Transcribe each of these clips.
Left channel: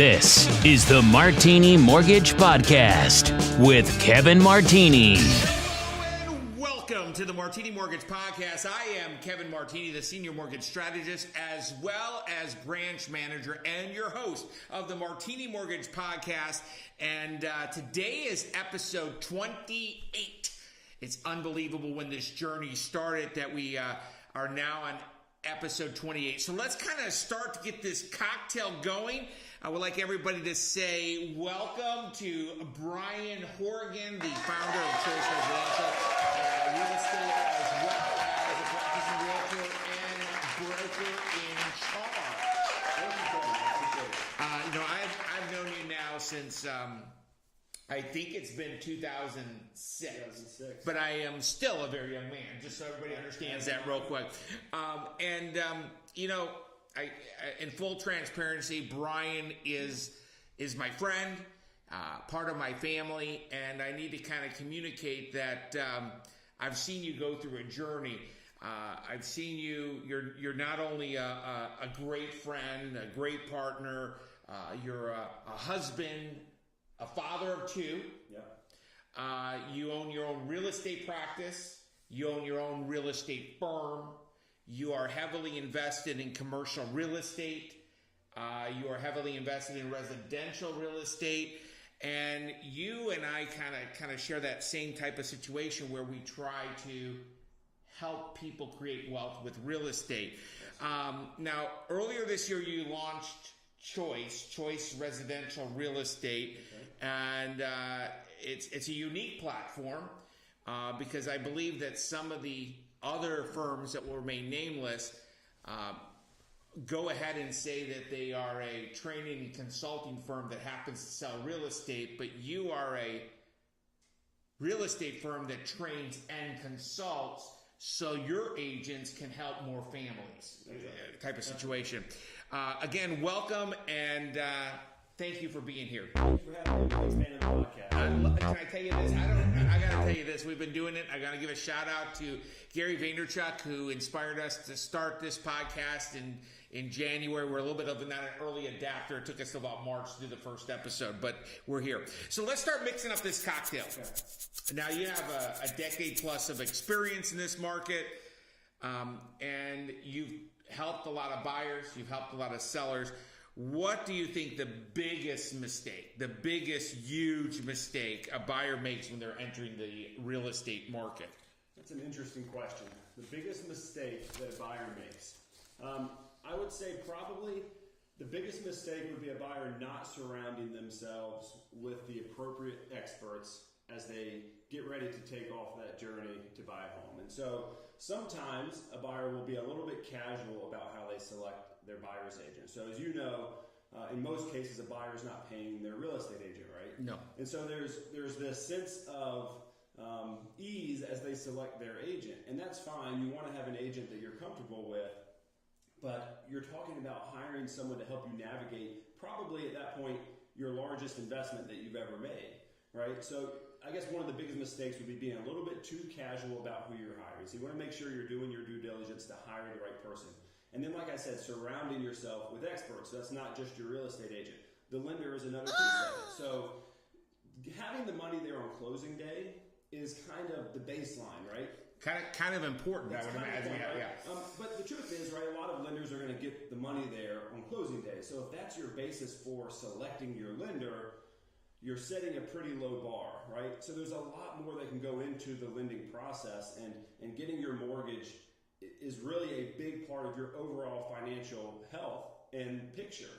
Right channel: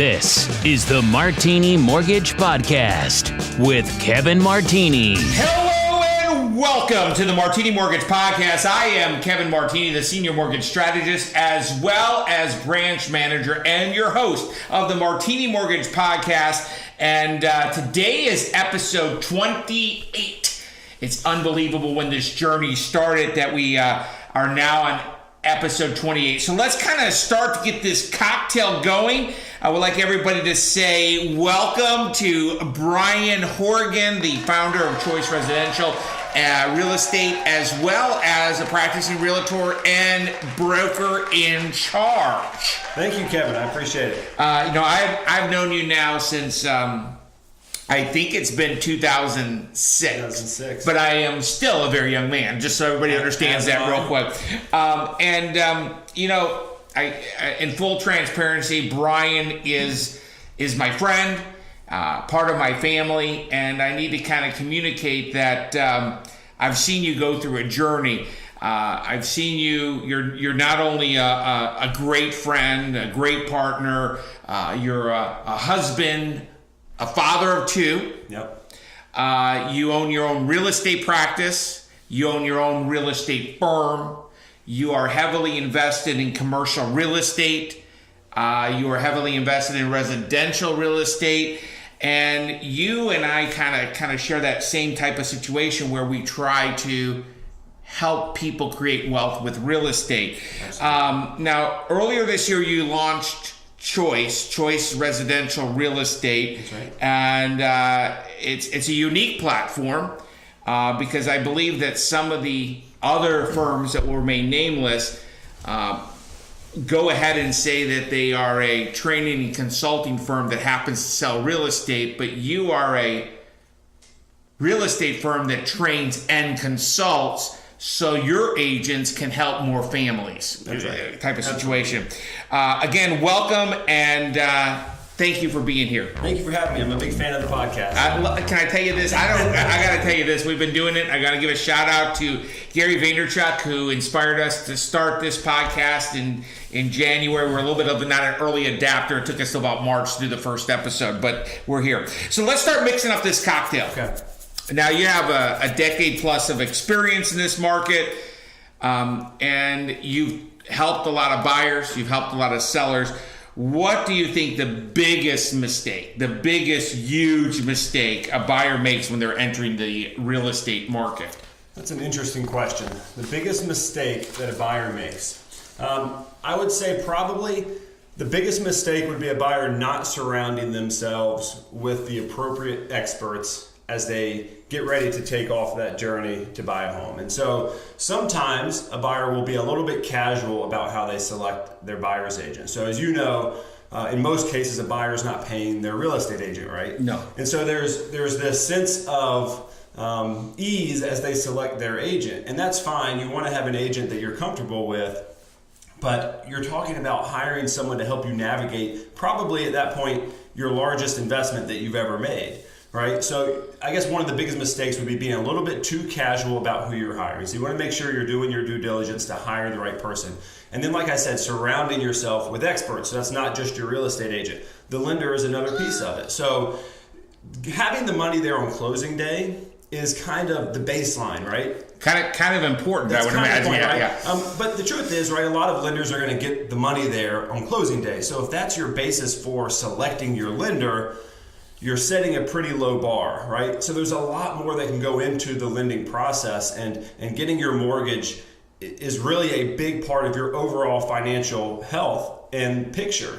This is the Martini Mortgage Podcast with Kevin Martini. Hello and welcome to the Martini Mortgage Podcast. I am Kevin Martini, the Senior Mortgage Strategist, as well as Branch Manager and your host of the Martini Mortgage Podcast. And today is episode 28. It's unbelievable when this journey started that we are now on episode 28. So let's kind of start to get this cocktail going. I would like everybody to say welcome to Brian Hourigan, the founder of Choice Residential Real Estate, as well as a practicing realtor and broker in charge. Thank you, Kevin. I appreciate it. I've known you now since I think it's been 2006. But I am still a very young man, just so everybody understands that real quick. I in full transparency, Brian is my friend, part of my family, and I need to kind of communicate that I've seen you go through a journey. I've seen you're not only a great friend, a great partner, you're a husband, a father of two. Yep. You own your own real estate practice. You own your own real estate firm. You are heavily invested in commercial real estate. You are heavily invested in residential real estate. And you and I kind of share that same type of situation where we try to help people create wealth with real estate. Now, earlier this year, you launched Choice Residential Real Estate. That's right. And it's a unique platform because I believe that some of the other firms that will remain nameless go ahead and say that they are a training and consulting firm that happens to sell real estate, but you are a real estate firm that trains and consults so your agents can help more families. That's right. Type of situation. Again, welcome and thank you for being here. Thank you for having me. I'm a big fan of the podcast. Can I tell you this? I got to tell you this. We've been doing it. I got to give a shout out to Gary Vaynerchuk, who inspired us to start this podcast in January. We're a little bit of not an early adapter. It took us about March to do the first episode, but we're here. So let's start mixing up this cocktail. Okay. Now, you have a decade plus of experience in this market, and you've helped a lot of buyers. You've helped a lot of sellers. What do you think the biggest huge mistake a buyer makes when they're entering the real estate market? That's an interesting question. The biggest mistake that a buyer makes. I would say probably the biggest mistake would be a buyer not surrounding themselves with the appropriate experts as they get ready to take off that journey to buy a home. And so sometimes a buyer will be a little bit casual about how they select their buyer's agent. So as you know, in most cases, a buyer is not paying their real estate agent, right? No. And so there's this sense of ease as they select their agent. And that's fine. You want to have an agent that you're comfortable with, but you're talking about hiring someone to help you navigate probably at that point your largest investment that you've ever made. Right? So I guess one of the biggest mistakes would be being a little bit too casual about who you're hiring. So you want to make sure you're doing your due diligence to hire the right person. And then, like I said, surrounding yourself with experts. So that's not just your real estate agent. The lender is another piece of it. So having the money there on closing day is kind of the baseline, right? Kind of important, I would imagine. Yeah. But the truth is, right, a lot of lenders are going to get the money there on closing day. So if that's your basis for selecting your lender, you're setting a pretty low bar, right? So there's a lot more that can go into the lending process, and getting your mortgage is really a big part of your overall financial health and picture.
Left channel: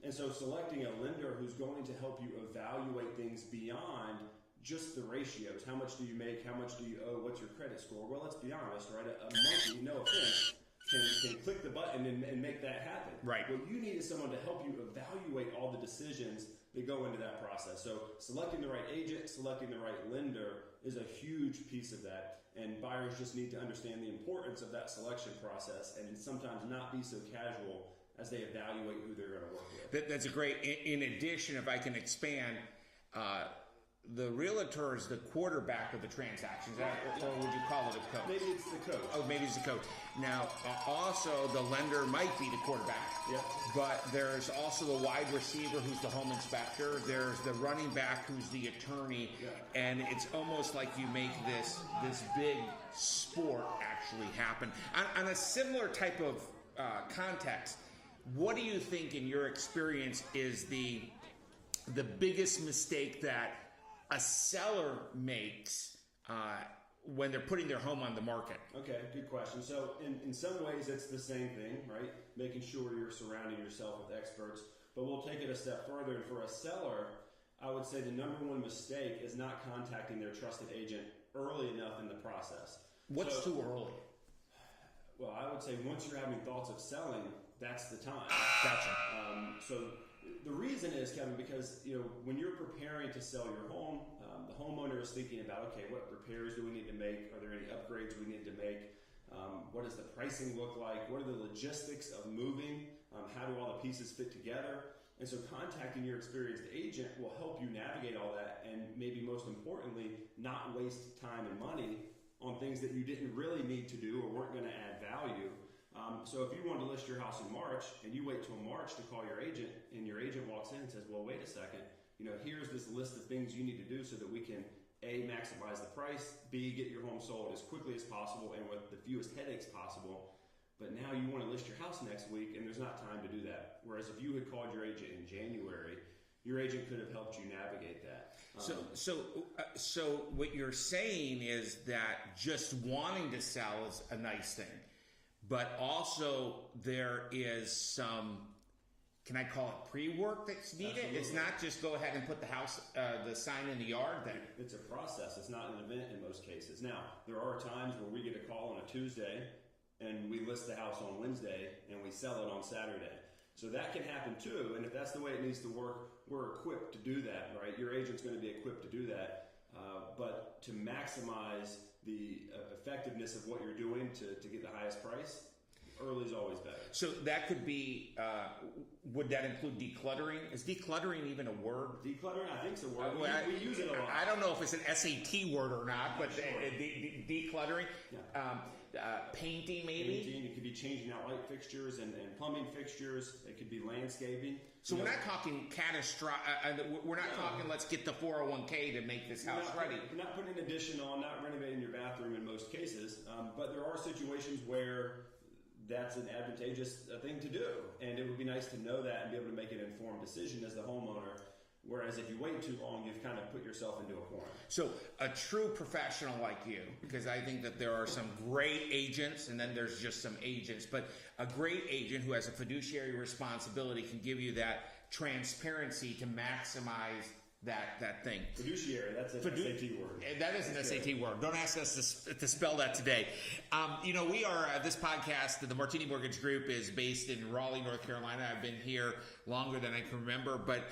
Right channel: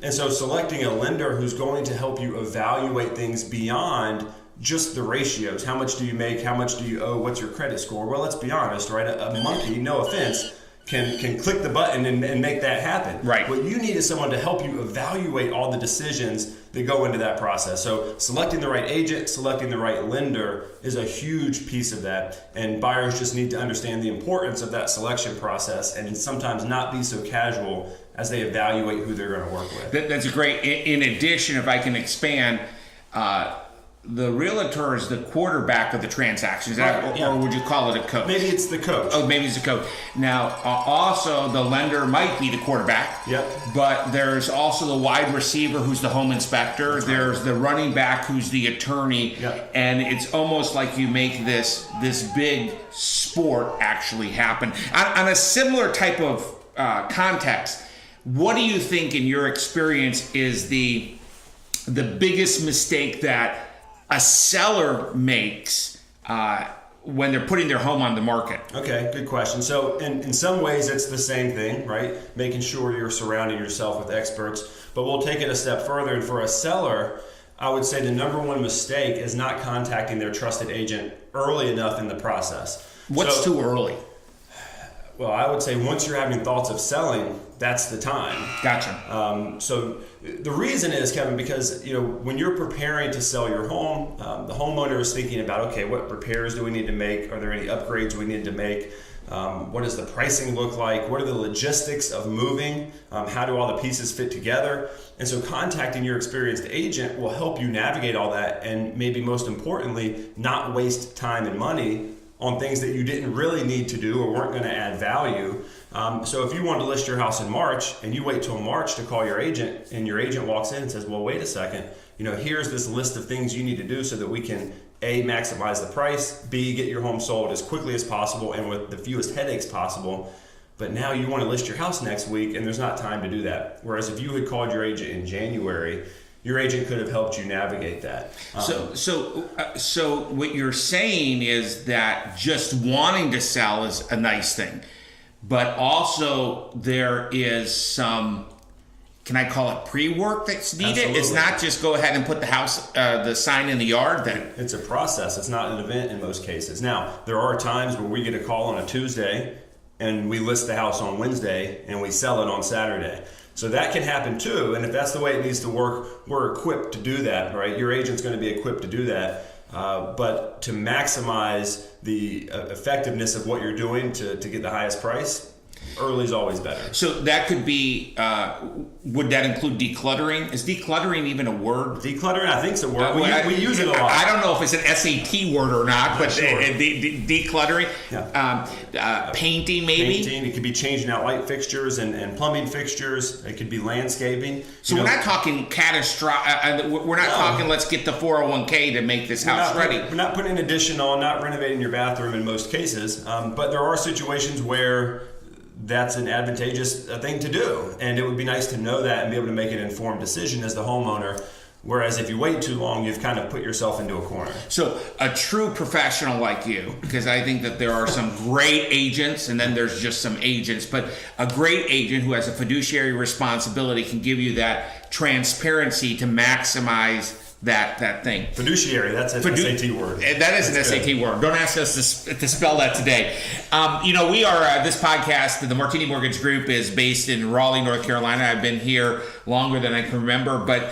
And so selecting a lender who's going to help you evaluate things beyond just the ratios. How much do you make? How much do you owe? What's your credit score? Well, let's be honest, right? A monkey, no offense, can click the button and make that happen. Right. What you need is someone to help you evaluate all the decisions that go into that process. So selecting the right agent, selecting the right lender is a huge piece of that. And buyers just need to understand the importance of that selection process and sometimes not be so casual as they evaluate who they're going to work with. That's great. In addition, if I can expand, the realtor is the quarterback of the transaction, Right, yeah. or would you call it a coach? Maybe it's the coach. Oh, maybe it's a coach. Now, also the lender might be the quarterback. Yep. But there's also the wide receiver who's the home inspector. There's the running back who's the attorney. Yep. And it's almost like you make this big sport actually happen. On a similar type of context, what do you think, in your experience, is the biggest mistake that a seller makes when they're putting their home on the market? Okay, good question. So in some ways it's the same thing, right? Making sure you're surrounding yourself with experts. But we'll take it a step further. And for a seller, I would say the number one mistake is not contacting their trusted agent early enough in the process. What's too early? Well, I would say once you're having thoughts of selling, that's the time. Gotcha. So the reason is, Kevin, because when you're preparing to sell your home, the homeowner is thinking about, okay, what repairs do we need to make? Are there any upgrades we need to make? What does the pricing look like? What are the logistics of moving? How do all the pieces fit together? And so contacting your experienced agent will help you navigate all that, and maybe most importantly, not waste time and money on things that you didn't really need to do or weren't going to add value. So if you want to list your house in March and you wait till March to call your agent, and your agent walks in and says, well, wait a second, here's this list of things you need to do so that we can A, maximize the price, B, get your home sold as quickly as possible and with the fewest headaches possible. But now you want to list your house next week and there's not time to do that. Whereas if you had called your agent in January, your agent could have helped you navigate that. So what you're saying is that just wanting to sell is a nice thing, but also there is some, can I call it pre-work that's needed? Absolutely. It's not just go ahead and put the house, the sign in the yard then. It's a process. It's not an event in most cases. Now, there are times where we get a call on a Tuesday and we list the house on Wednesday and we sell it on Saturday. So that can happen too, and if that's the way it needs to work, we're equipped to do that, right? Your agent's going to be equipped to do that, but to maximize the effectiveness of what you're doing to get the highest price, early is always better. So that could be, would that include decluttering? Is decluttering even a word? Decluttering, I think it's a word. We use it a lot. I don't know if it's an SAT word or not, but sure. Decluttering, painting maybe? Painting, it could be changing out light fixtures and plumbing fixtures. It could be landscaping. So we're not talking catastrophic, we're not talking let's get the 401k to make this house ready. We're not putting an addition on, not renovating your bathroom in most cases, but there are situations where that's an advantageous thing to do, and it would be nice to know that and be able to make an informed decision as the homeowner, whereas if you wait too long, you've kind of put yourself into a corner. So a true professional like you, because I think that there are some great agents and then there's just some agents, but a great agent who has a fiduciary responsibility can give you that transparency to maximize that thing. Fiduciary, that's an SAT word. That is an SAT word. Don't ask us to spell that today. We are, this podcast, the Martini Mortgage Group, is based in Raleigh, North Carolina. I've been here longer than I can remember, but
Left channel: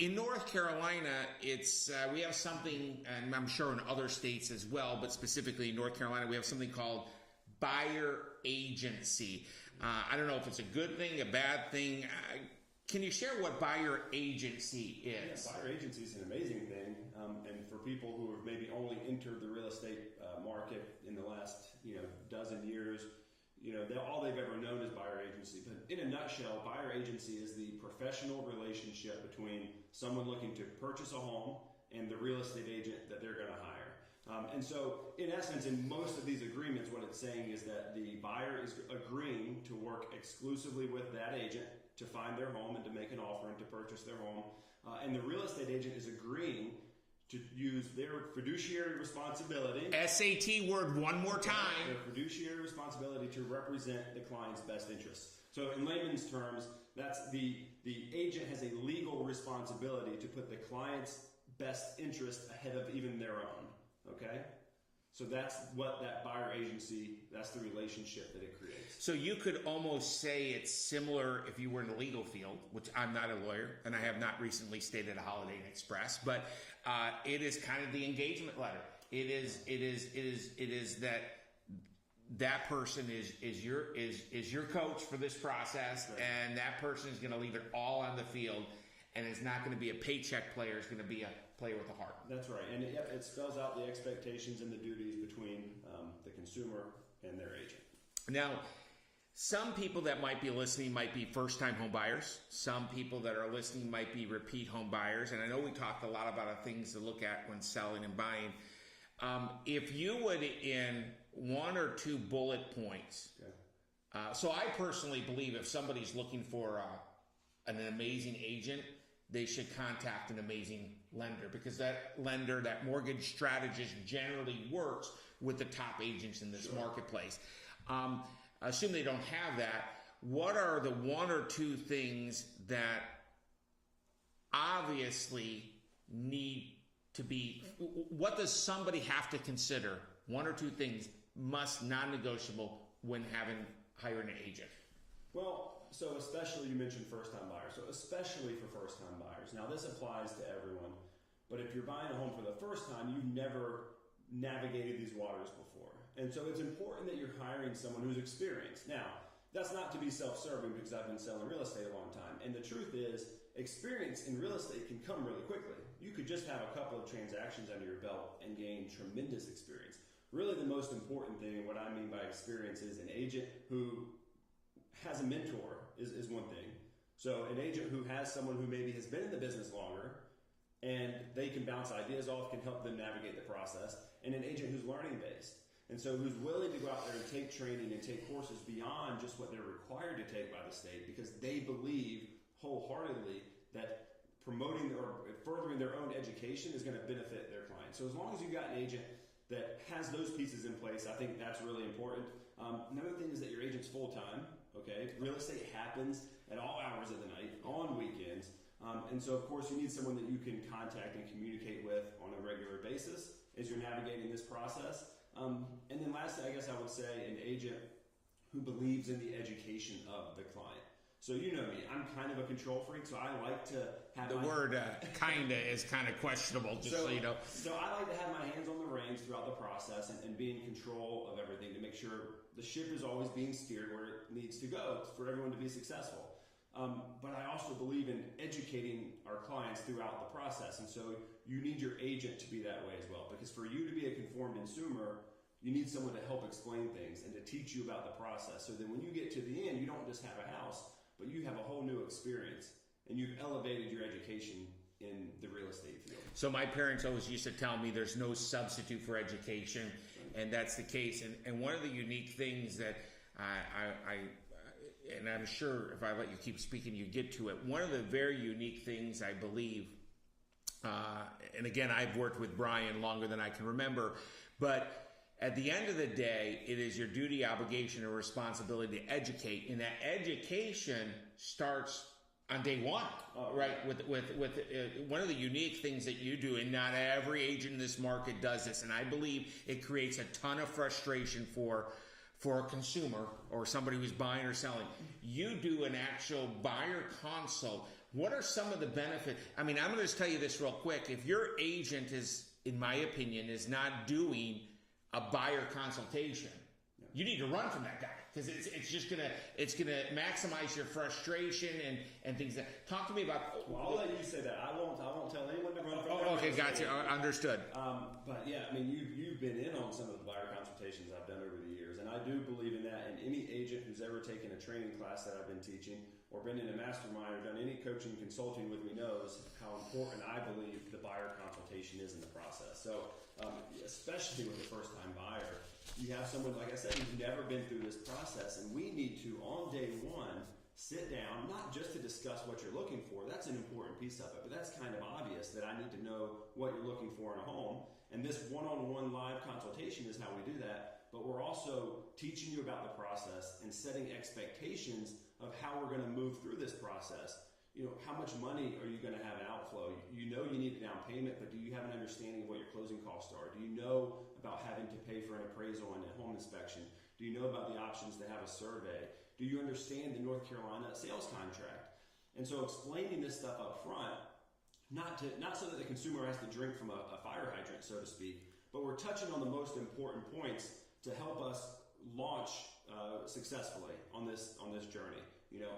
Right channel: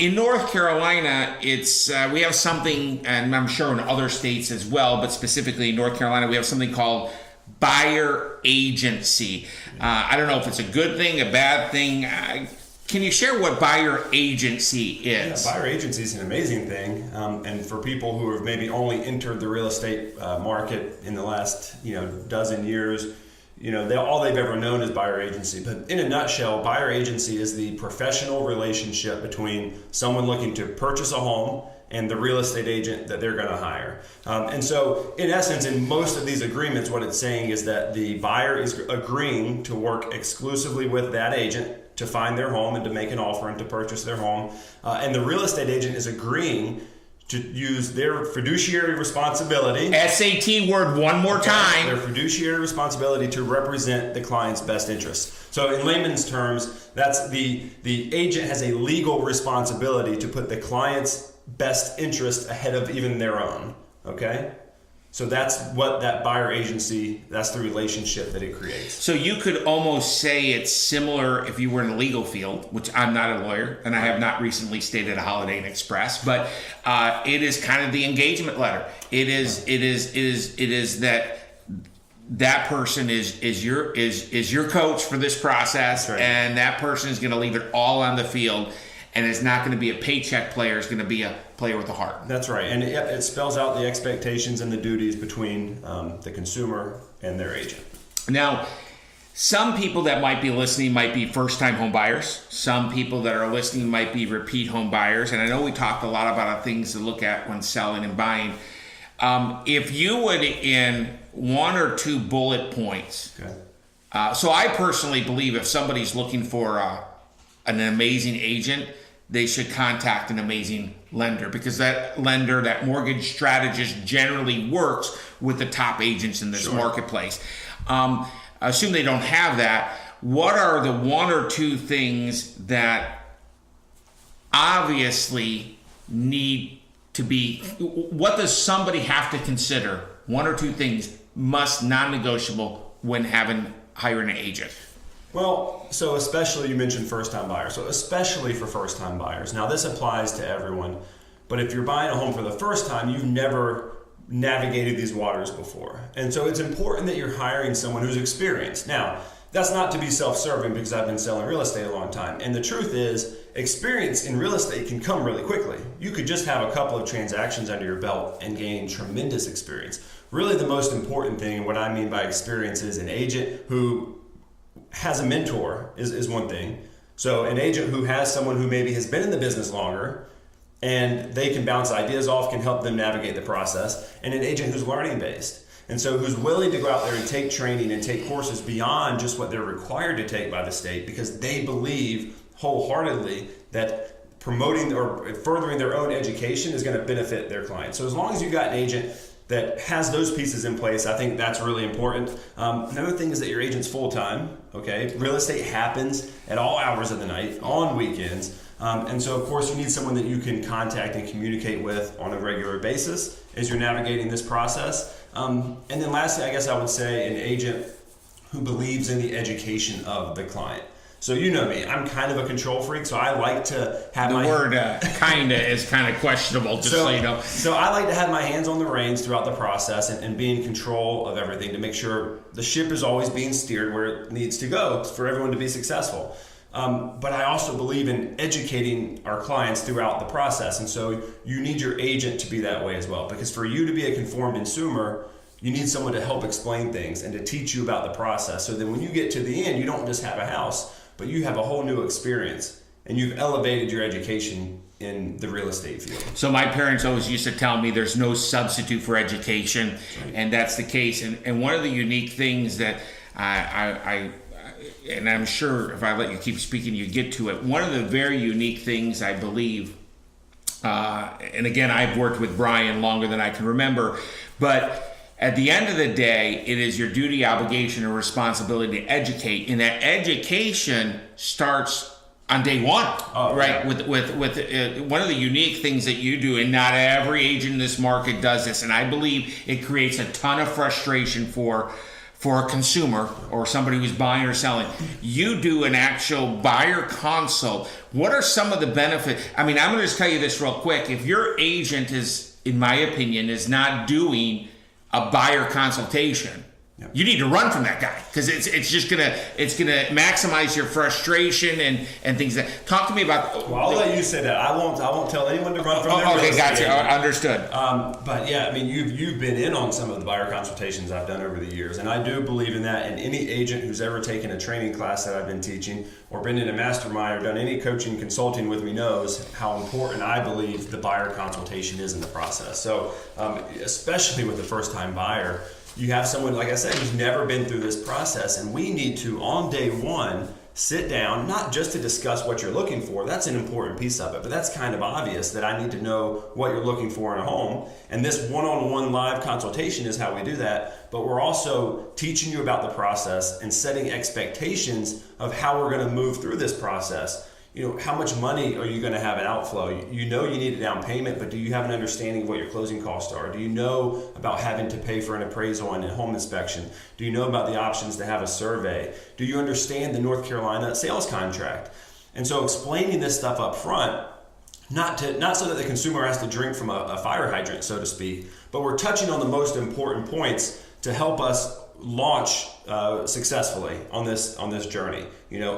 in North Carolina, it's we have something, and I'm sure in other states as well, but specifically in North Carolina, we have something called buyer agency. I don't know if it's a good thing, a bad thing. Can you share what buyer agency is? Yeah, buyer agency is an amazing thing, and for people who have maybe only entered the real estate market in the last dozen years, all they've ever known is buyer agency. But in a nutshell, buyer agency is the professional relationship between someone looking to purchase a home and the real estate agent that they're going to hire. And so, in essence, in most of these agreements, what it's saying is that the buyer is agreeing to work exclusively with that agent to find their home and to make an offer and to purchase their home. And the real estate agent is agreeing to use their fiduciary responsibility. SAT word one more time. Their fiduciary responsibility to represent the client's best interests. So in layman's terms, that's the agent has a legal responsibility to put the client's best interest ahead of even their own, okay? So that's what that buyer agency, that's the relationship that it creates. So you could almost say it's similar if you were in the legal field, which I'm not a lawyer, and I have not recently stayed at a Holiday Inn Express, but it is kind of the engagement letter. It is that person is your coach for this process, right. And that person is going to leave it all on the field. and is not going to be a paycheck player, is going to be a player with a heart. That's right. And it spells out the expectations and the duties between the consumer and their agent. Now, some people that might be listening might be first-time home buyers. Some people that are listening might be repeat home buyers. And I know we talked a lot about things to look at when selling and buying. If you would, in 1 or 2 bullet points. Okay. So I personally believe if somebody's looking for an amazing agent, they should contact an amazing lender, because that lender, that mortgage strategist, generally works with the top agents in this marketplace. Assume they don't have that. What are the 1 or 2 things that obviously need to be, what does somebody have to consider? 1 or 2 things non-negotiable when hiring an agent. Well, so especially, you mentioned first-time buyers. So especially for first-time buyers. Now, this applies to everyone, but if you're buying a home for the first time, you've never navigated these waters before. And so it's important that you're hiring someone who's experienced. Now, that's not to be self-serving, because I've been selling real estate a long time. And the truth is, experience in real estate can come really quickly. You could just have a couple of transactions under your belt and gain tremendous experience. Really, the most important thing, and what I mean by experience, is an agent who has a mentor is one thing. So an agent who has someone who maybe has been in the business longer, and they can bounce ideas off, can help them navigate the process, and an agent who's learning based. And so who's willing to go out there and take training and take courses beyond just what they're required to take by the state, because they believe wholeheartedly that promoting or furthering their own education is going to benefit their clients. So as long as you've got an agent that has those pieces in place, I think that's really important. Another thing is that your agent's full-time, okay? Real estate happens at all hours of the night, on weekends. And so, of course, you need someone that you can contact and communicate with on a regular basis as you're navigating this process. And then lastly, I guess I would say an agent who believes in the education of the client. So you know me, I'm kind of a control freak, so I like to have the word kinda is kind of questionable, just so you know. So I like to have my hands on the reins throughout the process and be in control of everything to make sure the ship is always being steered where it needs to go for everyone to be successful. But I also believe in educating our clients throughout the process, and so you need your agent to be that way as well, because for you to be a conformed consumer, you need someone to help explain things and to teach you about the process, so that when you get to the end, you don't just have a house, but you have a whole new experience, and you've elevated your education in the real estate field. So my parents always used to tell me there's no substitute for education, right. And that's the case. And one of the unique things that and I'm sure if I let you keep speaking, you get to it. One of the very unique things I believe, and again, I've worked with Brian longer than I can remember, but at the end of the day, it is your duty, obligation, or responsibility to educate, and that education starts on day one, right? Yeah. With one of the unique things that you do, and not every agent in this market does this, and I believe it creates a ton of frustration for a consumer or somebody who's buying or selling. You do an actual buyer consult. What are some of the benefits? I mean, I'm going to just tell you this real quick. If your agent is, in my opinion, is not doing a buyer consultation, yep, you need to run from that guy, because it's just gonna maximize your frustration and things. That talk to me about. Well, I'll let you say that. I won't tell anyone to run from their okay, gotcha. Understood. But yeah, I mean, you've been in on some of the buyer consultations I've done over the years, and I do believe in that. And any agent who's ever taken a training class that I've been teaching, or been in a mastermind, or done any coaching consulting with me, knows how important I believe the buyer consultation is in the process. So especially with the first-time buyer, you have someone, like I said, who's never been through this process, and we need to, on day one, sit down, not just to discuss what you're looking for. That's an important piece of it, but that's kind of obvious that I need to know what you're looking for in a home. And this one-on-one live consultation is how we do that. But we're also teaching you about the process and setting expectations of how we're going to move through this process. You know, how much money are you going to have an outflow? You know you need a down payment, but do you have an understanding of what your closing costs are? Do you know about having to pay for an appraisal and a home inspection? Do you know about the options to have a survey? Do you understand the North Carolina sales contract? And so explaining this stuff up front, not so that the consumer has to drink from a fire hydrant, so to speak, but we're touching on the most important points to help us launch successfully on this journey.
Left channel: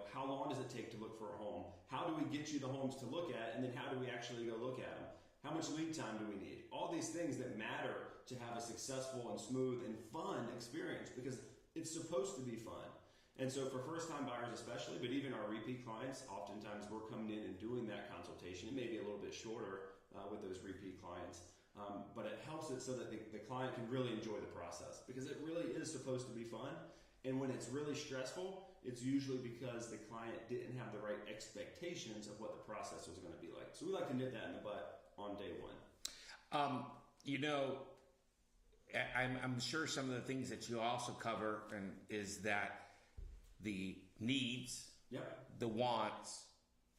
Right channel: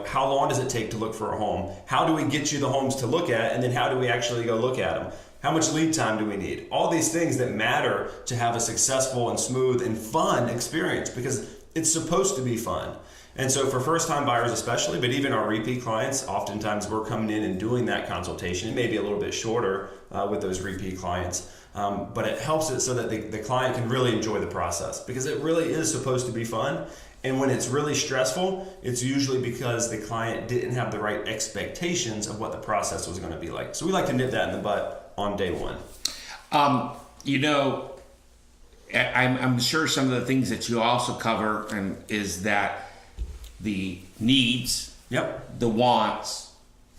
How long does it take to look for a home? How do we get you the homes to look at? And then how do we actually go look at them? How much lead time do we need? All these things that matter to have a successful and smooth and fun experience, because it's supposed to be fun. And so for first-time buyers especially, but even our repeat clients, oftentimes we're coming in and doing that consultation. It may be a little bit shorter with those repeat clients, but it helps it so that the client can really enjoy the process, because it really is supposed to be fun. And when it's really stressful, it's usually because the client didn't have the right expectations of what the process was going to be like. So we like to nip that in the butt on day one. I'm sure some of the things that you also cover is that the needs, Yep. the wants,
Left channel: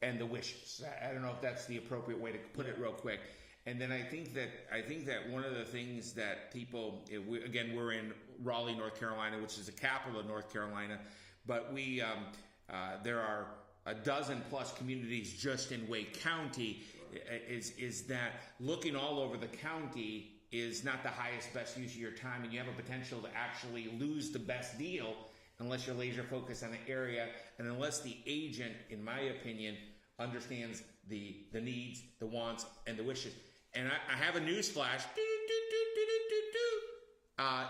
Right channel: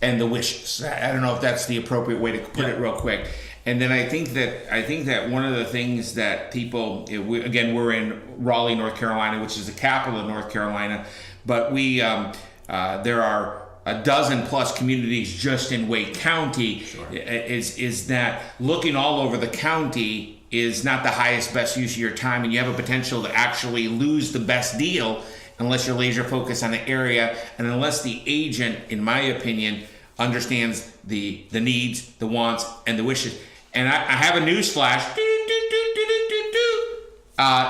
and the wishes. I don't know if that's the appropriate way to put it real quick. And then I think that one of the things that people, we're in Raleigh, North Carolina, which is the capital of North Carolina, but there are a dozen plus communities just in Wake County. Sure. Is that looking all over the county is not the highest, best use of your time, and you have a potential to actually lose the best deal unless you're laser focused on the area, and unless the agent, in my opinion, understands the needs, the wants, and the wishes. And I have a news flash.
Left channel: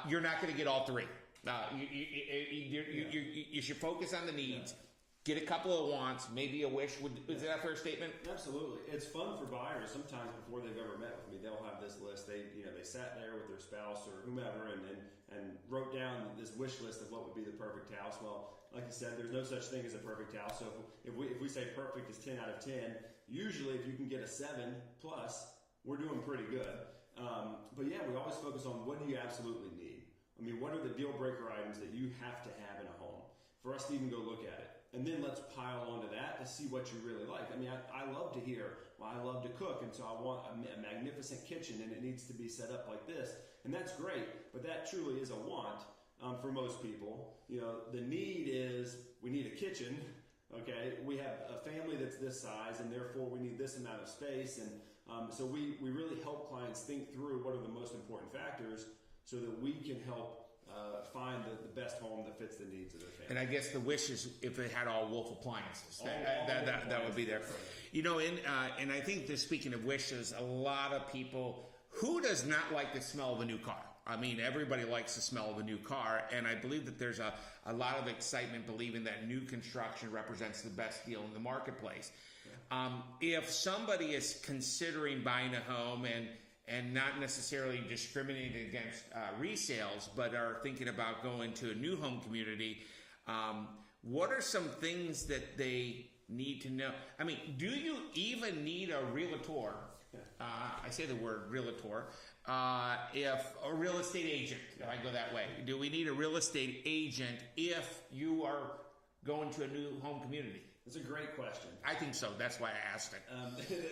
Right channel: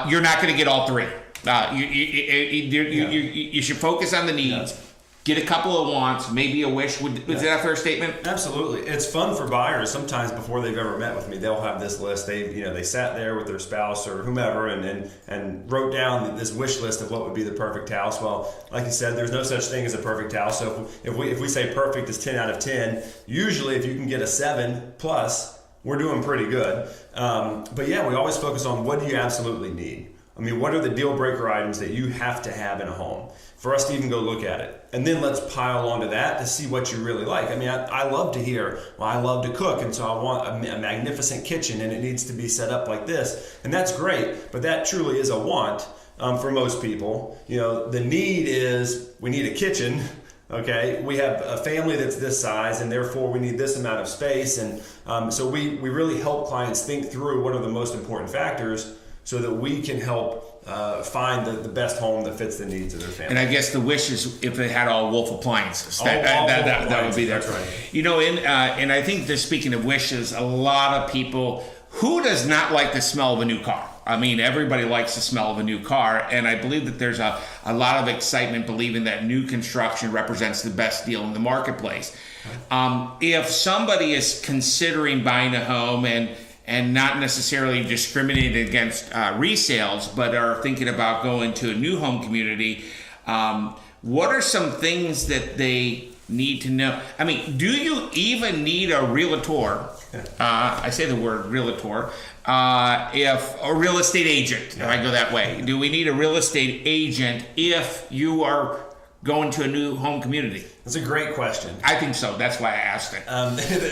You're not going to get all three. You should focus on the needs. Get a couple of wants, maybe a wish. Was that a fair statement? Absolutely. It's fun for buyers. Sometimes before they've ever met with me, they'll have this list. They sat there with their spouse or whomever and wrote down this wish list of what would be the perfect house. Well, like you said, there's no such thing as a perfect house. So if we say perfect is 10 out of 10, usually if you can get a 7 plus, we're doing pretty good. But yeah, we always focus on what do you absolutely need. I mean, what are the deal breaker items that you have to have in a home for us to even go look at it? And then let's pile onto that to see what you really like. I mean, I love to hear, well, I love to cook, and so I want a magnificent kitchen, and it needs to be set up like this. And that's great, but that truly is a want for most people. The need is we need a kitchen. Okay, we have a family that's this size, and therefore we need this amount of space. And so we really help clients think through what are the most important factors so that we can help find the best home that fits the needs of their family. And I guess the wish is if it had all Wolf appliances. That would be there. That's right. And I think that speaking of wishes, a lot of people, who does not like the smell of a new car? I mean, everybody likes the smell of a new car, and I believe that there's a lot of excitement believing that new construction represents the best deal in the marketplace. If somebody is considering buying a home and not necessarily discriminating against resales, but are thinking about going to a new home community, what are some things that they need to know? I mean, do you even need a realtor? I say the word realtor. If a real estate agent, if I go that way, do we need a real estate agent if you are going to a new home community? That's a great question. I think so. That's why I asked it.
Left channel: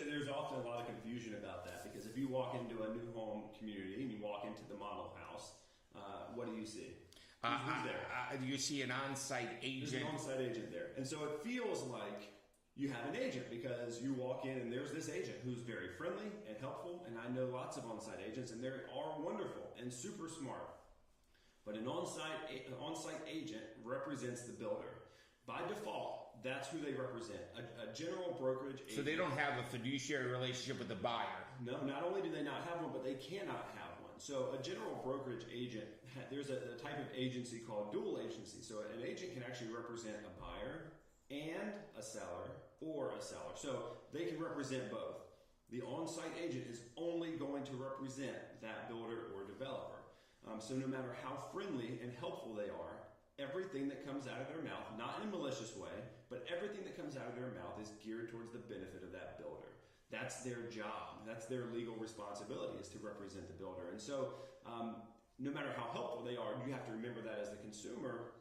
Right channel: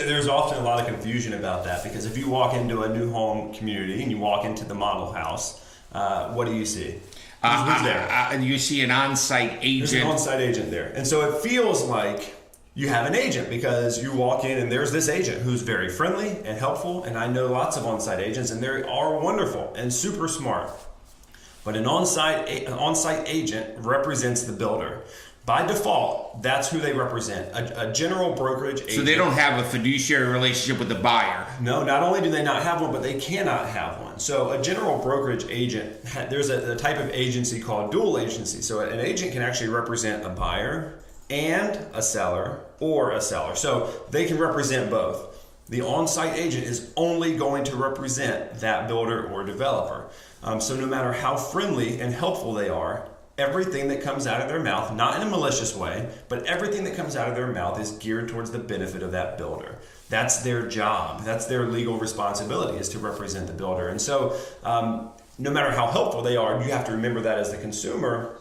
There's often a lot of confusion about that, because if you walk into a new home community and you walk into the model house, what do you see? Who's there? You see an on-site agent. There's an on-site agent there. And so it feels like you have an agent, because you walk in and there's this agent who's very friendly and helpful. And I know lots of on-site agents, and they are wonderful and super smart. But an on-site agent represents the builder. By default, that's who they represent, a general brokerage agent. So they don't have a fiduciary relationship with the buyer. No, not only do they not have one, but they cannot have one. So a general brokerage agent, there's a type of agency called dual agency. So an agent can actually represent a buyer and a seller, or a seller. So they can represent both. The on-site agent is only going to represent that builder or developer. So no matter how friendly and helpful they are, everything that comes out of their mouth, not in a malicious way, but everything that comes out of their mouth is geared towards the benefit of that builder. That's their job. That's their legal responsibility, is to represent the builder. And so no matter how helpful they are, you have to remember that as the consumer.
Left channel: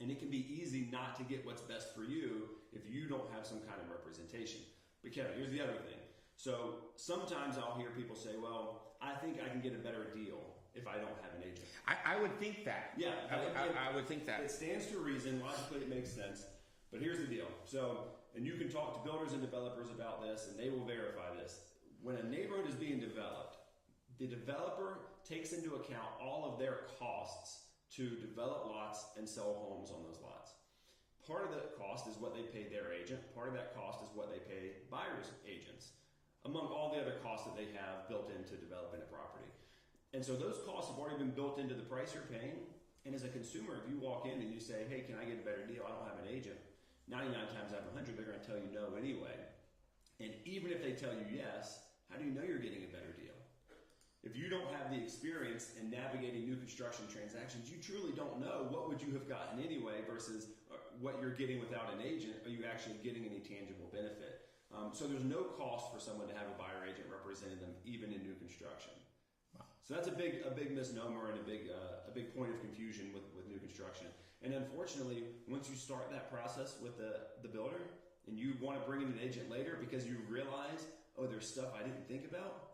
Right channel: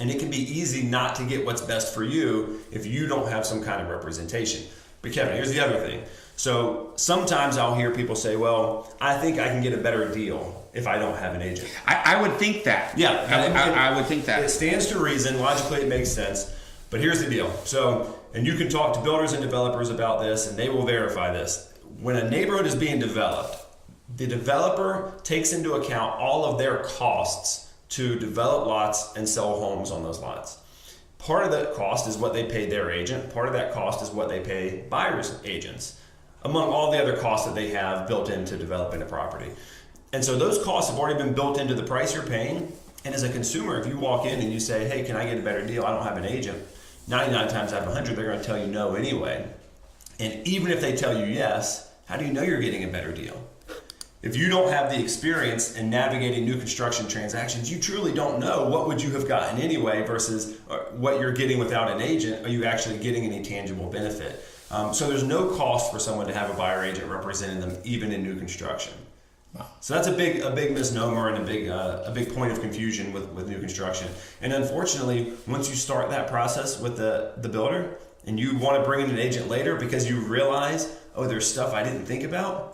And it can be easy not to get what's best for you if you don't have some kind of representation. But Kevin, here's the other thing. So sometimes I'll hear people say, well, I think I can get a better deal if I don't have an agent. I would think that. Yeah. I would think that. It stands to reason. Logically, it makes sense. But here's the deal. So, and you can talk to builders and developers about this, and they will verify this. When a neighborhood is being developed, the developer takes into account all of their costs to develop lots and sell homes on those lots. Part of the cost is what they pay their agent. Part of that cost is what they pay buyers' agents, among all the other costs that they have built into developing a property. And so those costs have already been built into the price you're paying. And as a consumer, if you walk in and you say, hey, can I get a better deal? I don't have an agent. 99 times out of 100, they're going to tell you no anyway. And even if they tell you yes, how do you know you're getting a better deal? If you don't have the experience in navigating new construction transactions, you truly don't know what would you have gotten anyway versus what you're getting without an agent. Are you actually getting any tangible benefit? So there's no cost for someone to have a buyer agent representing them, even in new construction. Wow. So that's a big misnomer and a big point of confusion with new construction. And unfortunately, once you start that process with the builder and you want to bring in an agent later because you realize, oh, there's stuff I didn't think about,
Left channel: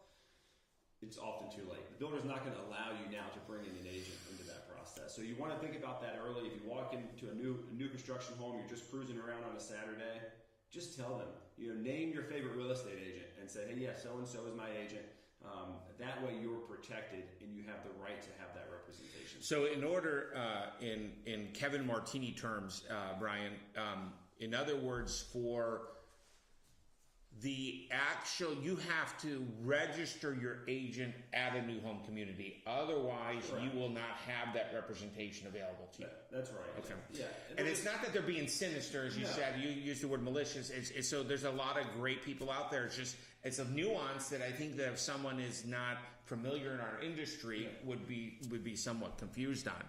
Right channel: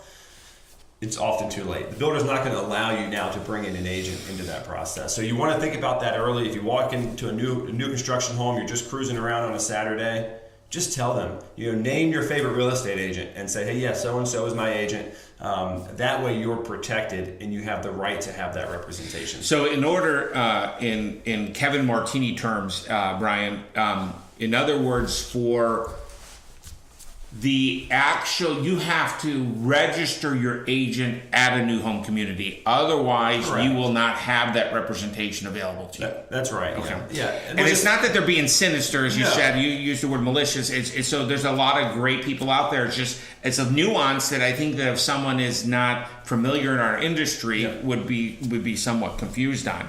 it's often too late. The builder's not going to allow you now to bring in an agent into that process. So you want to think about that early. If you walk into a new construction home, you're just cruising around on a Saturday, just tell them, name your favorite real estate agent and say, hey, yeah, so-and-so is my agent. That way you're protected and you have the right to have that representation. So in order, in Kevin Martini terms, Brian, in other words, for the actual, you have to register your agent at a new home community. Otherwise, correct, you will not have that representation available to you. That's right. Okay. Yeah. And it's not that they're being sinister, as you said. You used the word malicious. It's so there's a lot of great people out there. It's a nuance that I think that if someone is not familiar in our industry, would be somewhat confused on.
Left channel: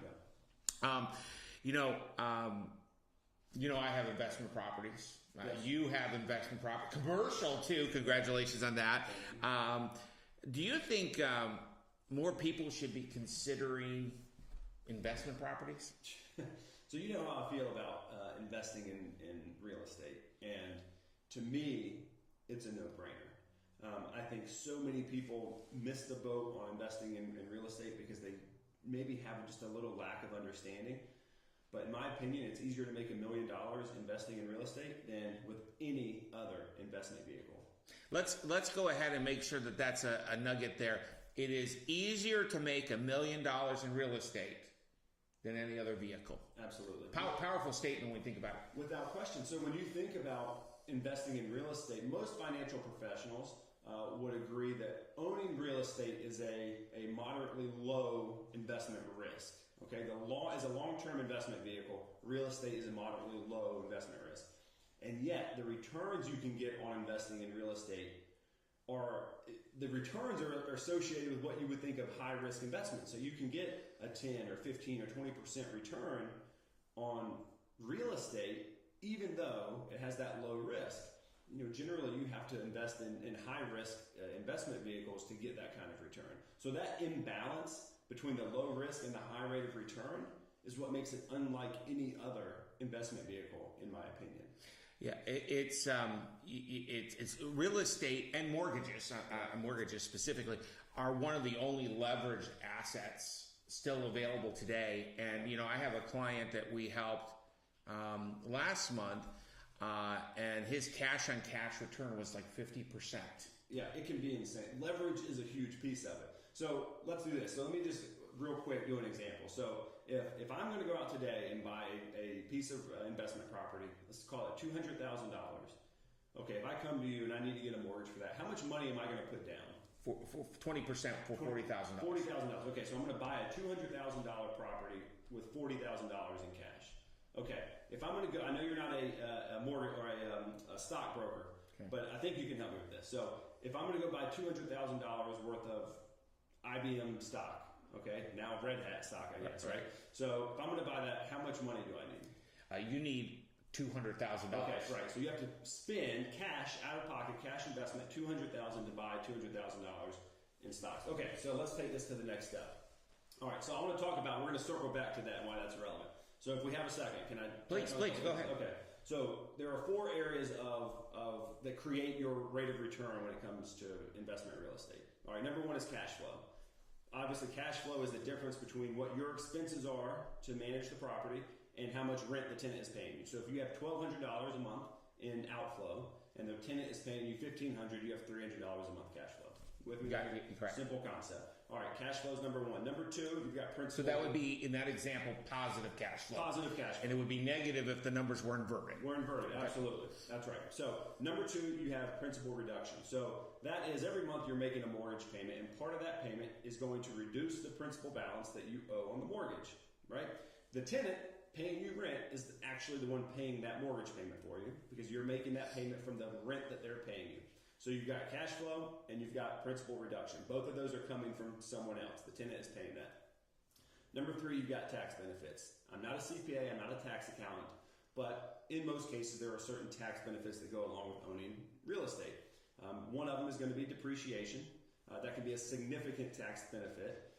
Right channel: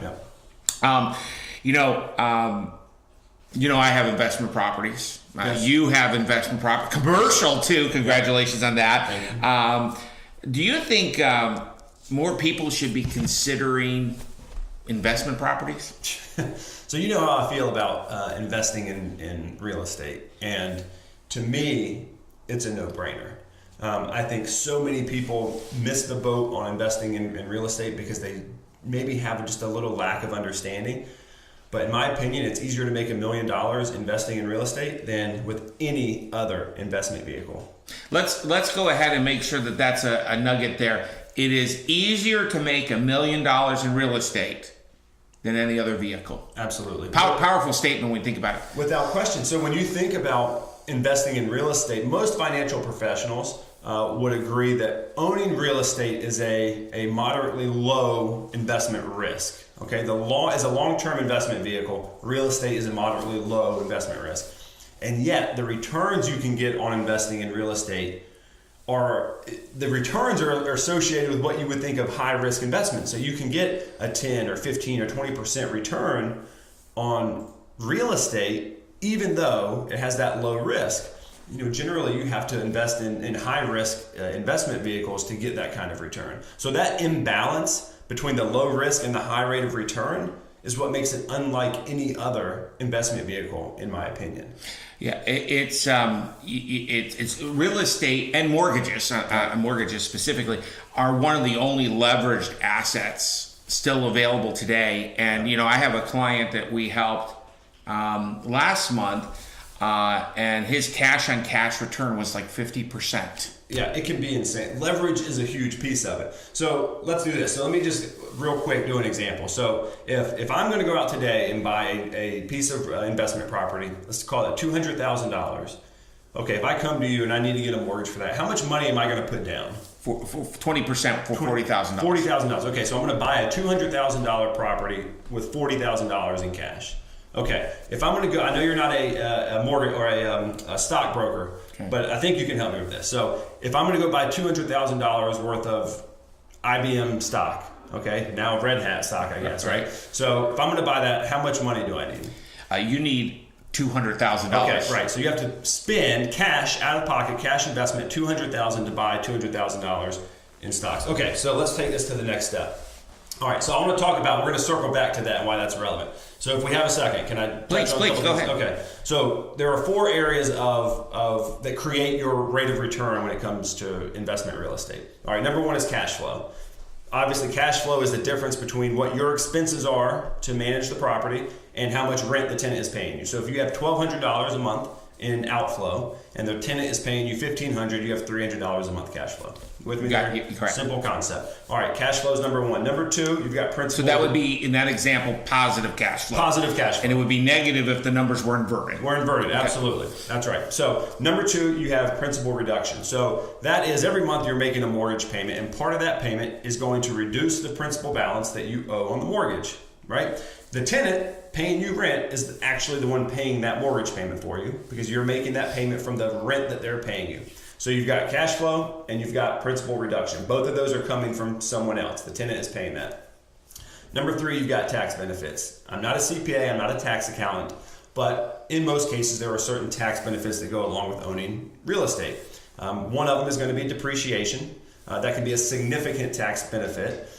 Yeah. I have investment properties. Yes. You have investment property, commercial too. Congratulations on that. Do you think more people should be considering investment properties? So you know how I feel about investing in real estate, and to me, it's a no-brainer. I think so many people miss the boat on investing in real estate because they maybe have just a little lack of understanding. But in my opinion, it's easier to make $1 million investing in real estate than with any other investment vehicle. Let's go ahead and make sure that that's a nugget there. It is easier to make $1 million in real estate than any other vehicle. Absolutely. Powerful statement when we think about it. Without question. So when you think about investing in real estate, most financial professionals would agree that owning real estate is a moderately low investment risk. Okay, as a long-term investment vehicle, real estate is a moderately low investment risk. And yet, the returns you can get on investing in real estate are associated with what you would think of high-risk investments. So you can get a 10 or 15 or 20% return on real estate, even though it has that low risk. Generally you have to invest in high-risk investment vehicles to get that kind of return. So that imbalance between the low risk and the high rate of return is what makes it unlike any other investment vehicle, in my opinion. Yeah, it's real estate and mortgages, mortgages specifically, are one of the only leveraged assets still available today. And I have a client that we helped last month, and his cash on cash return was like 50%. Yeah, it can be insane. Leverage is a huge piece of it. So let's do this. So let me just real quick do an example. So if I'm going to go out today and buy a piece of investment property, let's call it $200,000. Okay, if I come to you and I need to get a mortgage for that, how much money am I going to put down? For 20% for $40,000. $40,000. Okay, so I'm going to buy a $200,000 property with $40,000 in cash. Okay, if I'm going to go, I know you're not a mortgage or a stockbroker, okay, but I think you can help me with this. So if I'm going to go buy $200,000 worth of IBM stock, okay, now red hat stock, I guess, right? So if I'm going to buy that, how much money do I need? You need $200,000. Okay, right. So you have to spend cash out of pocket, cash investment, $200,000 to buy $200,000 in stocks. Okay, so let's take this to the next step. All right, so I want to talk about, we're going to circle back to that and why that's relevant. So if we have a second, can I? Please, go ahead. Okay, so there are 4 areas of that create your rate of return when it comes to investment real estate. All right, number 1 is cash flow. Obviously, cash flow is the difference between what your expenses are to manage the property and how much rent the tenant is paying you. So if you have $1,200 a month in outflow, and the tenant is paying you $1,500, you have $300 a month cash flow. With me there? Correct. Simple concept. All right, cash flow is number one. Number two, you've got principal. So that would be, in that example, positive cash flow. Positive cash flow. And it would be negative if the numbers were inverted. We're inverted, absolutely. That's right. So number two, you have principal reduction. So that is every month you're making a mortgage payment, and part of that payment is going to reduce the principal balance that you owe on the mortgage, right? The tenant paying you rent is actually the one paying that mortgage payment for you, because you're making that payment from the rent that they're paying you. So you've got cash flow and you've got principal reduction. Both of those are coming from someone else. The tenant is paying that. Number three, you've got tax benefits. I'm not a CPA, I'm not a tax accountant, but in most cases there are certain tax benefits that go along with owning real estate. One of them is going to be depreciation. That can be a significant tax benefit.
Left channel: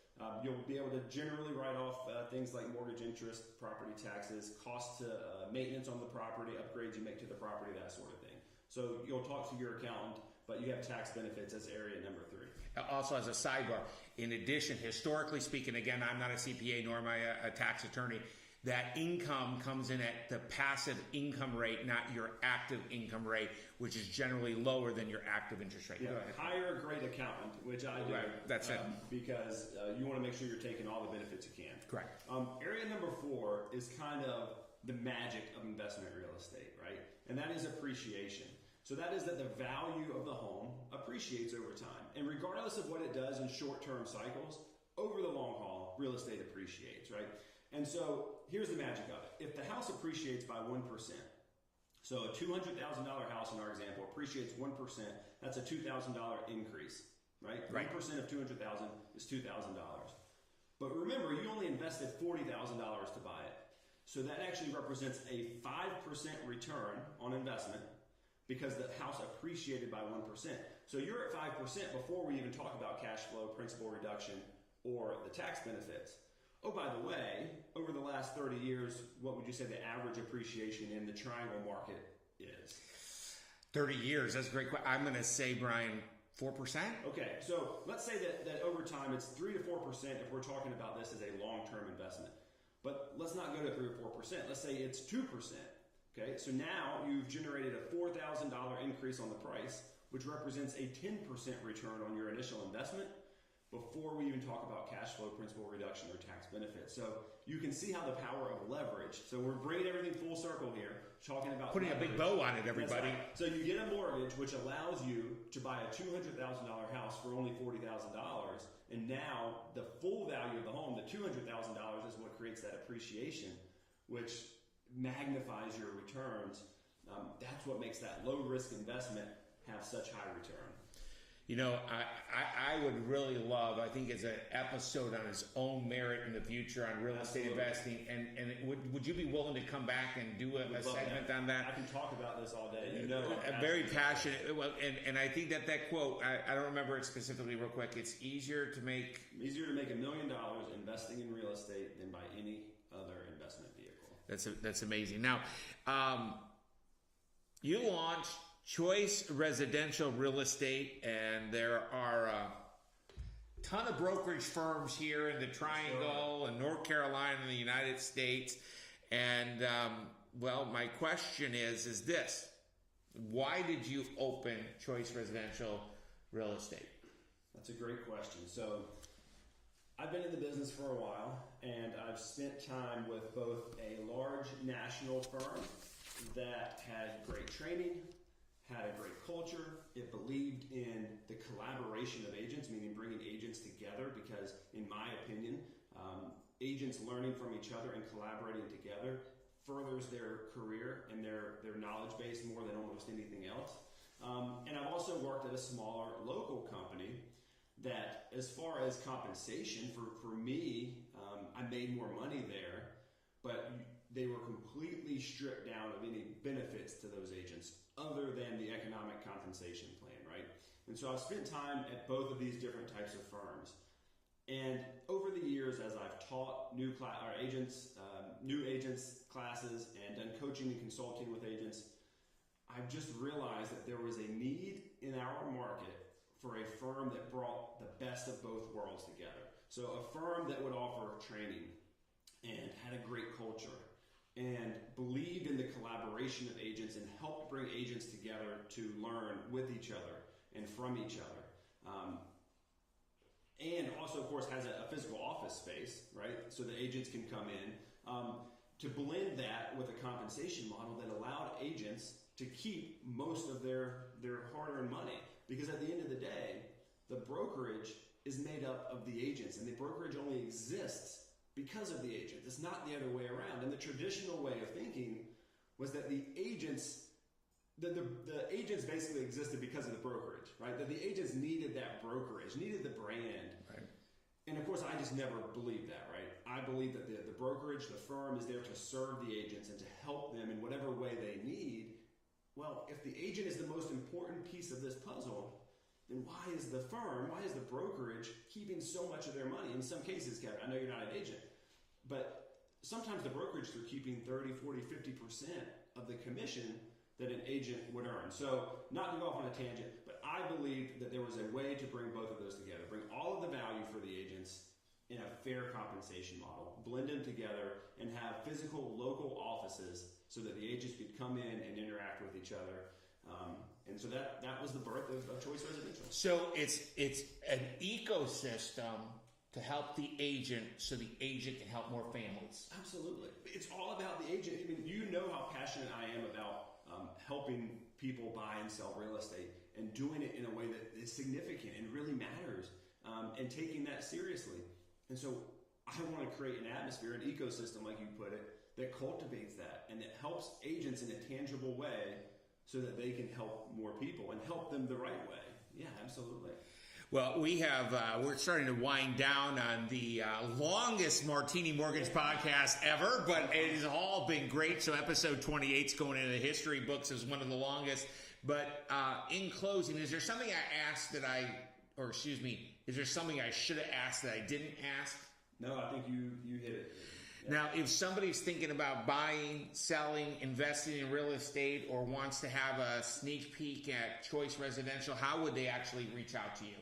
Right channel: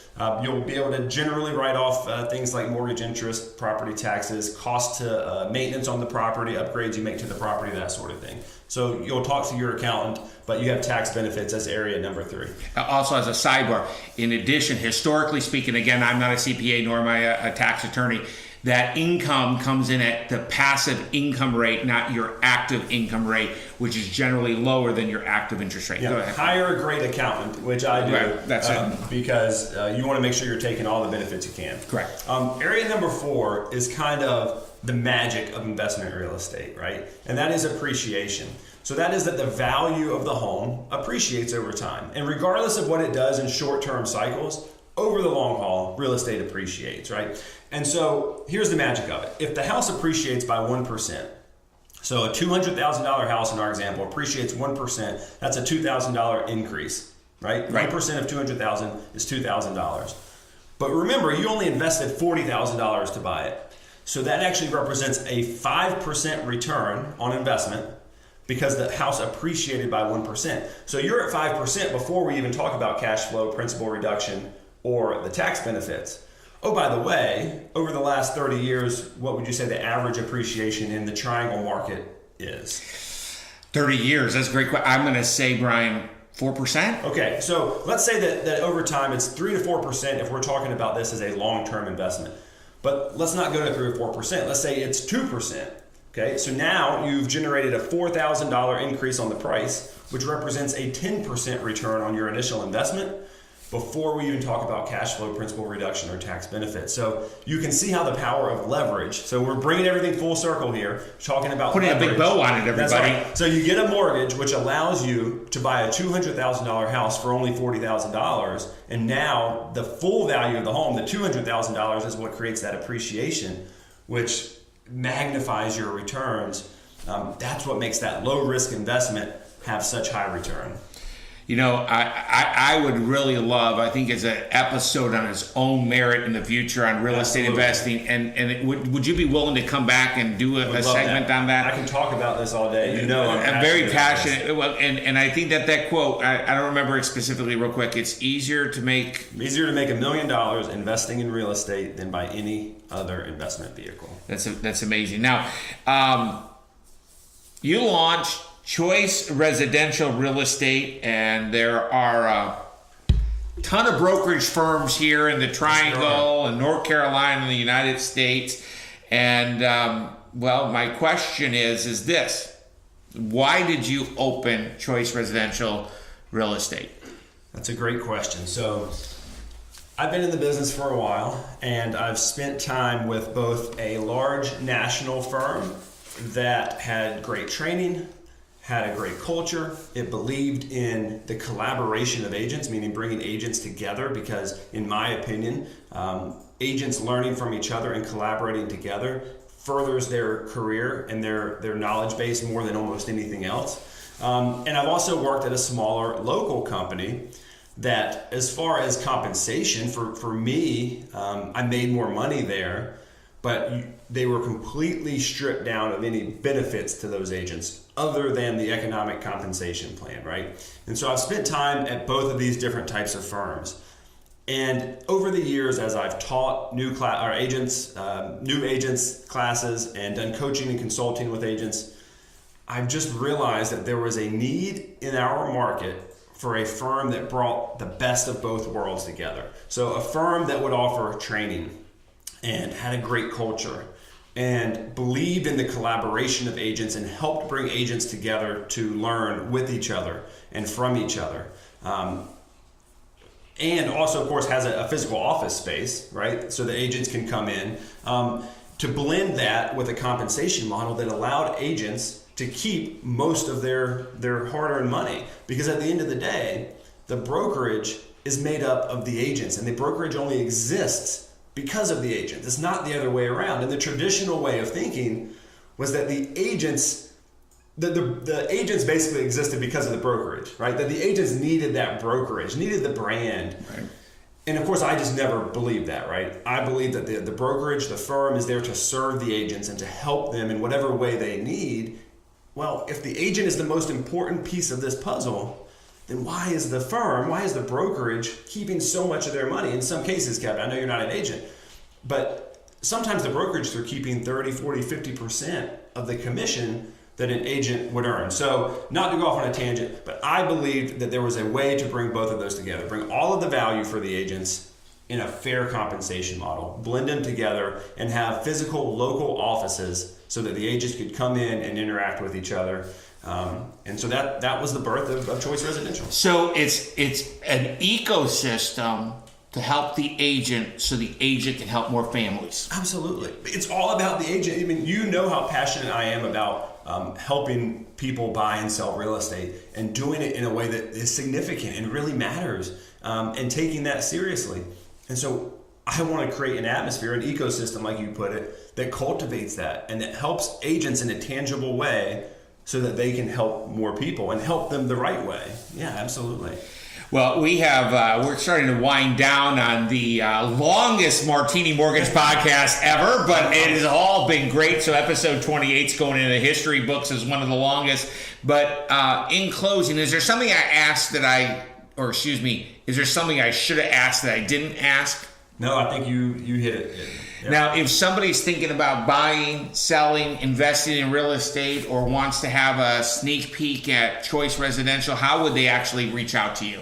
You'll be able to generally write off things like mortgage interest, property taxes, cost to maintenance on the property, upgrades you make to the property, that sort of thing. So you'll talk to your accountant, but you have tax benefits as area number three. Also, as a sidebar, in addition, historically speaking, again, I'm not a CPA nor am I a tax attorney, that income comes in at the passive income rate, not your active income rate, which is generally lower than your active interest rate. Yeah, Go ahead. hire a great accountant, which I do, Right, that's it. because you want to make sure you're taking all the benefits you can. Correct. Area number four is kind of the magic of investment real estate, right? And that is appreciation. So that is that the value of the home appreciates over time. And regardless of what it does in short-term cycles, over the long haul, real estate appreciates, right? And so here's the magic of it. If the house appreciates by 1%, so a $200,000 house in our example appreciates 1%, that's a $2,000 increase, right? 1% of $200,000 is $2,000. But remember, you only invested $40,000 to buy it. So that actually represents a 5% return on investment because the house appreciated by 1%. So you're at 5% before we even talk about cash flow, principal reduction, or the tax benefits. Oh, by the way, over the last 30 years, what would you say the average appreciation in the triangle market is? 30 years, that's a great question. I'm going to say, Brian, 4%? Okay, so let's say that over time it's 3 to 4% if we're talking about this as a long-term investment. But let's not go to 3 or 4%. Let's say it's 2%. Okay, so now you've generated a $4,000 increase on the price, which represents a 10% return on your initial investment before we even talk about cash flow, principal reduction, or tax benefits. So you can see how the power of leverage. So we're bringing everything full circle here, talking about putting leverage. a big bow on it, everybody. That's right. So you get a mortgage, which allows you to buy a $200,000 house for only $40,000, and now the full value of the home, the $200,000, is what creates that appreciation, which magnifies your returns. That's what makes that low risk investment have such high return. You know, I would really love, I think, as an episode on its own merit in the future on real estate investing. And would you be willing to come back and do a segment on that? I can talk about this all day. You know, I'm very passionate. Well, and I think that quote, I don't remember it specifically real quick. It's easier to make $1 million investing in real estate than by any other investment vehicle. That's amazing. Now, you launched Choice Residential Real Estate, and there are a ton of brokerage firms here in the Triangle and North Carolina and the United States. And well, my question is this: why did you open Choice Residential Real Estate? That's a great question. So I've been in the business for a while, and I've spent time with both a large national firm that had great training, had a great culture. It believed in the collaboration of agents, meaning bringing agents together, because in my opinion, agents learning from each other and collaborating together furthers their career and their knowledge base more than almost anything else. And I've also worked at a smaller local company that, as far as compensation, for me, I made more money there, but they were completely stripped down of any benefits to those agents other than the economic compensation plan, right? And so I've spent time at both of these different types of firms. And over the years, as I've taught new agents classes and done coaching and consulting with agents, I've just realized that there was a need in our market for a firm that brought the best of both worlds together. So a firm that would offer training and had a great culture and believed in the collaboration of agents and helped bring agents together to learn with each other and from each other. And also, of course, has a physical office space, right? So the agents can come in. To blend that with a compensation model that allowed agents to keep most of their hard-earned money. Because at the end of the day, the brokerage is made up of the agents, and the brokerage only exists because of the agent. It's not the other way around. And the traditional way of thinking was that the agents basically existed because of the brokerage, right? That the agents needed that brokerage, needed the brand. Right. And of course, I just never believed that, right? I believe that the brokerage, the firm, is there to serve the agents and to help them in whatever way they need. Well, if the agent is the most important piece of this puzzle, then why is the brokerage keeping so much of their money? In some cases, Kevin, I know you're not an agent, but sometimes the brokerage, they're keeping 30, 40, 50% of the commission that an agent would earn. So not to go off on a tangent, but I believed that there was a way to bring both of those together, bring all of the value for the agents in a fair compensation model, blend them together, and have physical local offices so that the agents could come in and interact with each other. And so that was the birth of Choice Residential. So it's an ecosystem to help the agent so the agent can help more families. Absolutely. It's all about the agent. I mean, you know how passionate I am about helping people buy and sell real estate and doing it in a way that is significant and really matters, and taking that seriously. And so I want to create an atmosphere, an ecosystem, like you put it, that cultivates that and that helps agents in a tangible way so that they can help more people and help them the right way. Yeah, absolutely. Well, we're starting to wind down on the longest Martini Mortgage podcast ever, but it has all been great. So episode 28 is going into the history books as one of the longest. But in closing, is there something is there something I should have asked that I didn't ask? No, I think you hit it. Yep. Now, if somebody's thinking about buying, selling, investing in real estate, or wants to have a sneak peek at Choice Residential, how would they actually reach out to you?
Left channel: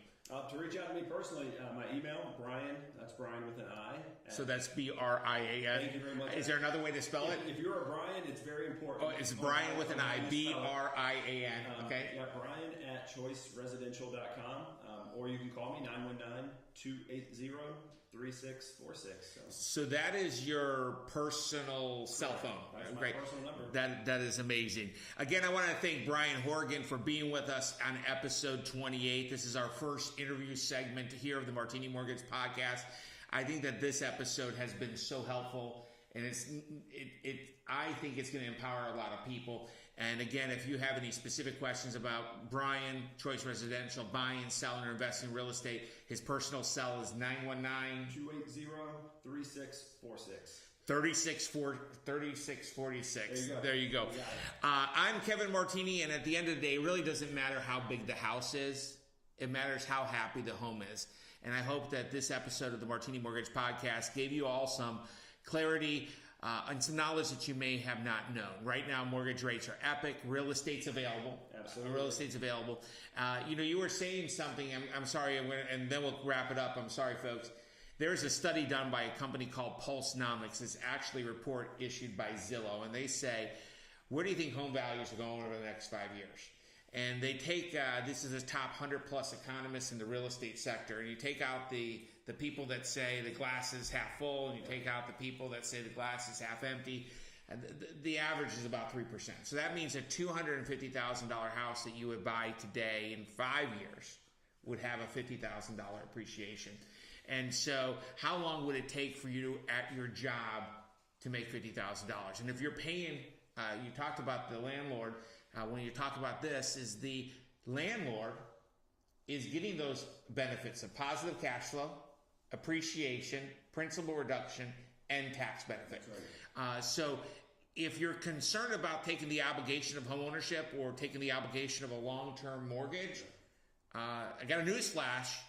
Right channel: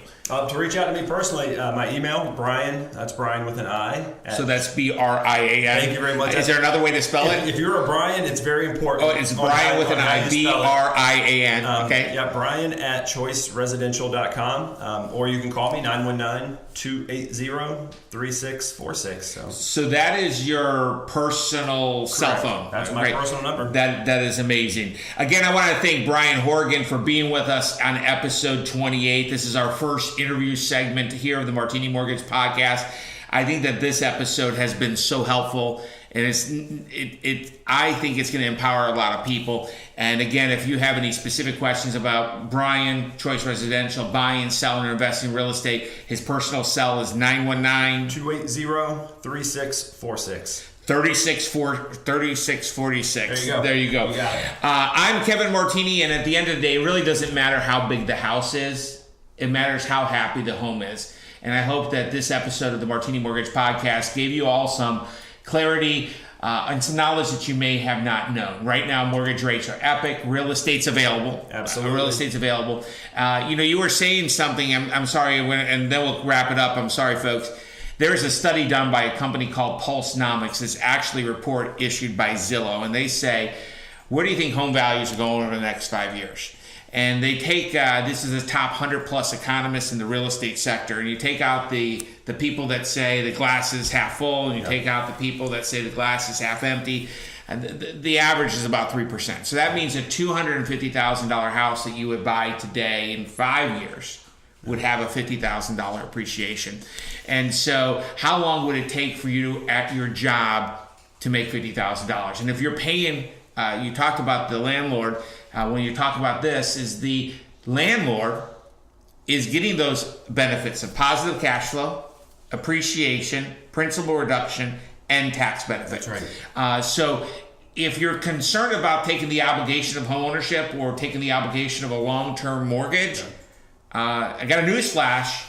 To reach out to me personally, my email, Brian, that's Brian with an I. So that's Brian. Thank you very much. Is there another way to spell it? If you're a Brian, it's very important. Oh, it's Brian with an I, Brian. Okay. Yeah, Brian at choiceresidential.com. Or you can call me, 919-280-3646. So that is your personal cell phone. That's my personal number. That is amazing. Again, I want to thank Brian Hourigan for being with us on episode 28. This is our first interview segment here of the Martini Mortgage Podcast. I think that this episode has been so helpful, and I think it's going to empower a lot of people. And again, if you have any specific questions about Brian, Choice Residential, buying, selling, or investing in real estate, his personal cell is 919-280-3646. 3646. There you go. You got it. I'm Kevin Martini, and at the end of the day, it really doesn't matter how big the house is. It matters how happy the home is. And I hope that this episode of the Martini Mortgage Podcast gave you all some clarity and some knowledge that you may have not known. Right now, mortgage rates are epic. Real estate's available. Absolutely. Real estate's available. You were saying something. I'm sorry, and then we'll wrap it up. I'm sorry, folks. There's a study done by a company called Pulsenomics. It's actually a report issued by Zillow. And they say, where do you think home values are going over the next 5 years? And they take, this is the top 100 plus economists in the real estate sector, and you take out the people that say the glass is half full, and you take out the people that say the glass is half empty, and the average is about 3%. So that means a $250,000 house that you would buy today in 5 years would have a $50,000 appreciation. And so how long would it take for you at your job to make $50,000? And if you're paying, you talked about the landlord, when you talk about this, is the landlord is getting those benefits of positive cash flow, appreciation, principal reduction, and tax benefit. That's right. So if you're concerned about taking the obligation of homeownership or taking the obligation of a long-term mortgage, I got a news flash.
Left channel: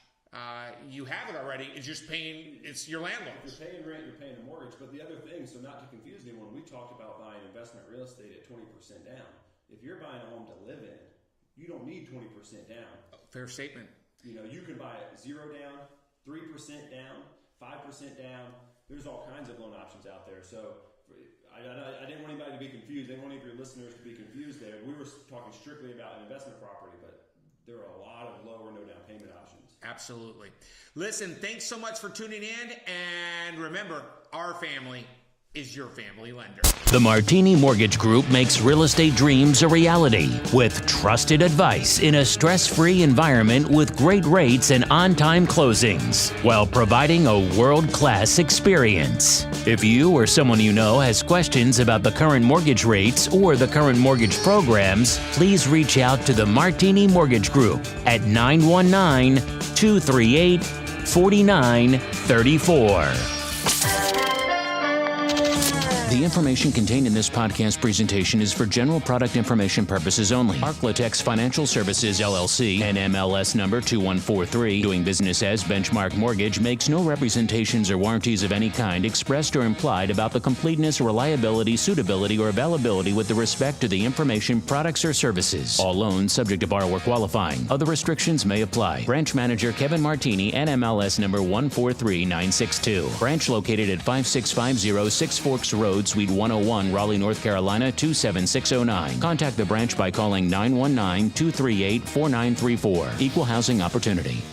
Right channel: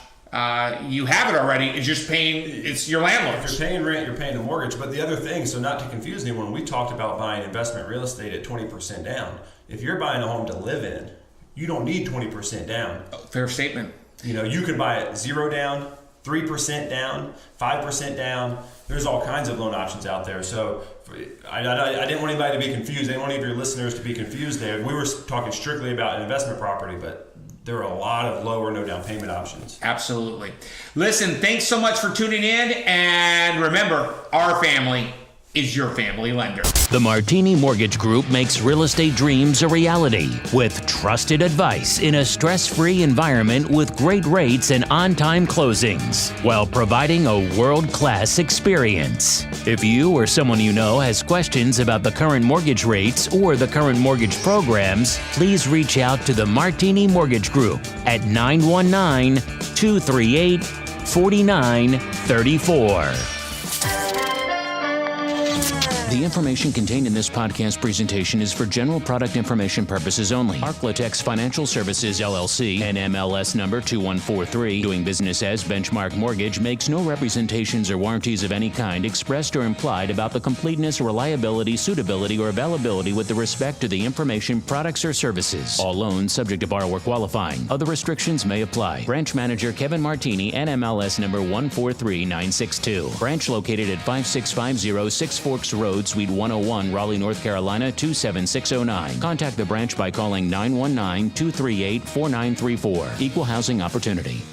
You have it already. It's your landlord. If you're paying rent, you're paying the mortgage. But the other thing, so not to confuse anyone, we talked about buying investment real estate at 20% down. If you're buying a home to live in, you don't need 20% down. Fair statement. You can buy it 0 down, 3% down, 5% down. There's all kinds of loan options out there. So I didn't want anybody to be confused. I didn't want any of your listeners to be confused there. We were talking strictly about an investment property, but there are a lot of low or no down payment options. Absolutely. Listen, thanks so much for tuning in. And remember, our family is your family lender. The Martini Mortgage Group makes real estate dreams a reality with trusted advice in a stress-free environment with great rates and on-time closings while providing a world-class experience. If you or someone you know has questions about the current mortgage rates or the current mortgage programs, please reach out to the Martini Mortgage Group at 919-238-4934. The information contained in this podcast presentation is for general product information purposes only. Arklatex Financial Services, LLC, NMLS number 2143, doing business as Benchmark Mortgage, makes no representations or warranties of any kind expressed or implied about the completeness, reliability, suitability, or availability with respect to the information, products, or services. All loans subject to borrower qualifying. Other restrictions may apply. Branch Manager Kevin Martini, NMLS number 143962. Branch located at 5650 Six Forks Road, Suite 101, Raleigh, North Carolina 27609. Contact the branch by calling 919-238-4934. Equal housing opportunity.